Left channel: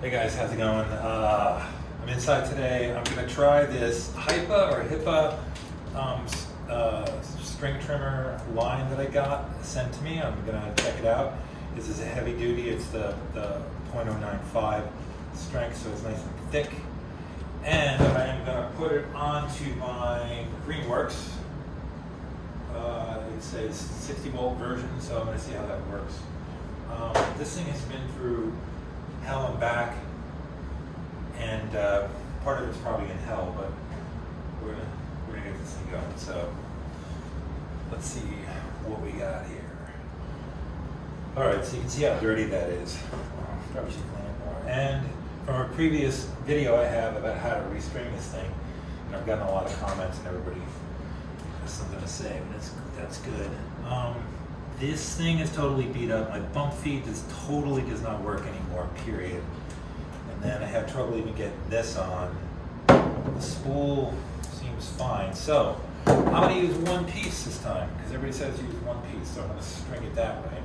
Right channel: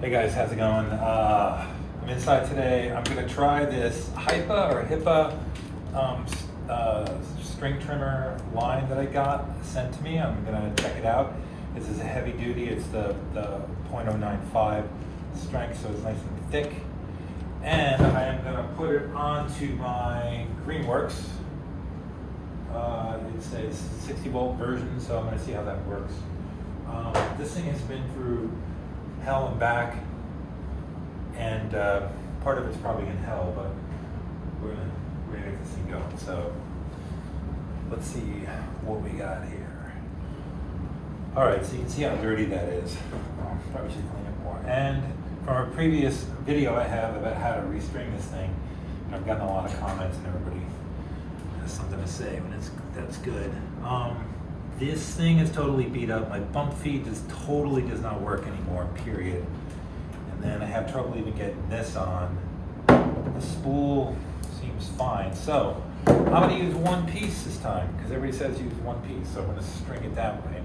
Hey guys, how's it going? I'm inside today. I'm gonna try this Hipa string trimmer line that I got sent to me. I'm gonna check it out. This is a heavy duty. It's the .095 strength, so it's nice and thick. And I am gonna put it onto my Greenworks. It's a 60 volt version, so I'm gonna see how that works. This thing has been through hell and back, and part of it's probably in hell, but we're gonna get this thing going. So let's see what we got here. All right, so you can see how dirty that is. Probably should clean it more. And from a previous video I have about how to restring this thing, and I've gotten a lot of comments, and everybody has something to say, and that's good. This thing is totally beat up. My bump feed totally does not work anymore, period. And then I have trouble even getting this on. The spool seems fine. So I'm gonna use one piece this time, because everybody says use one piece, so I'm gonna string it that way.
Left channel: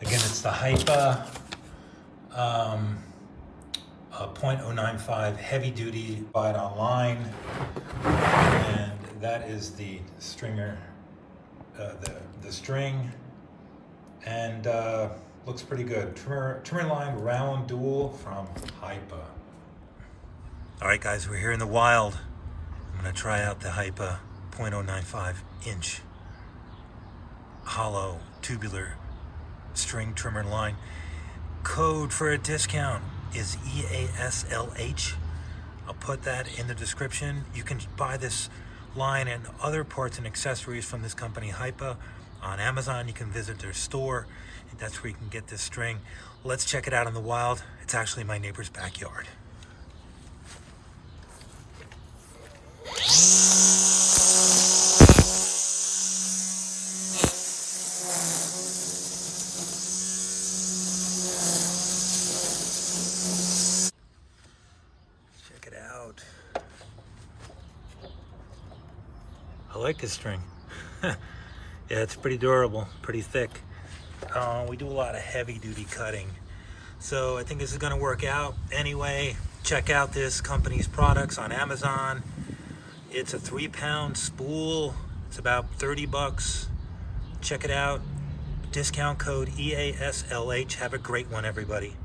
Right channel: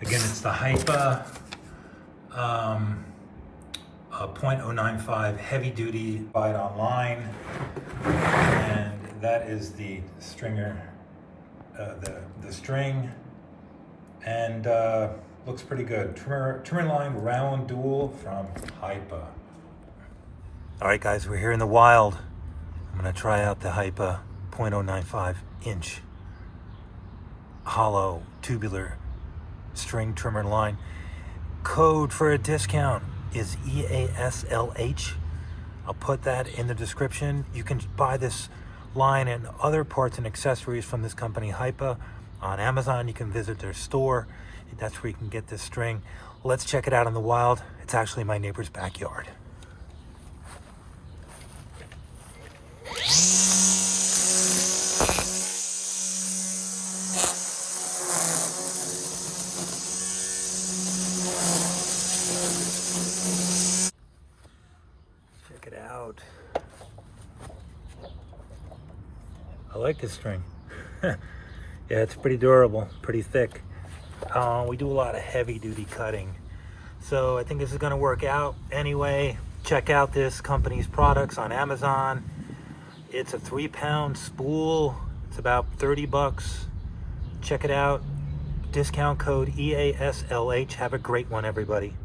Again, it's the Hipa .095 heavy duty, buy it online, and that is the stringer, the string, and looks pretty good. Trimmer line round dual from Hipa. All right, guys, we're here in the wild. I'm gonna try out the Hipa .095 inch hollow tubular string trimmer line. Code for a discount is EASLH. I'll put that in the description. You can buy this line and other parts and accessories from this company Hipa on Amazon. You can visit their store. That's where you can get this string. Let's check it out in the wild. It's actually my neighbor's backyard. Check it out. I like this string. Yeah, it's pretty durable, pretty thick. We do a lot of heavy duty cutting, so I think this is going to work out. Anyway, check out this company's products on Amazon. It's a 3-pound spool. It's about 30 bucks. Check it out. Discount code EASLH. Have a great one, everybody.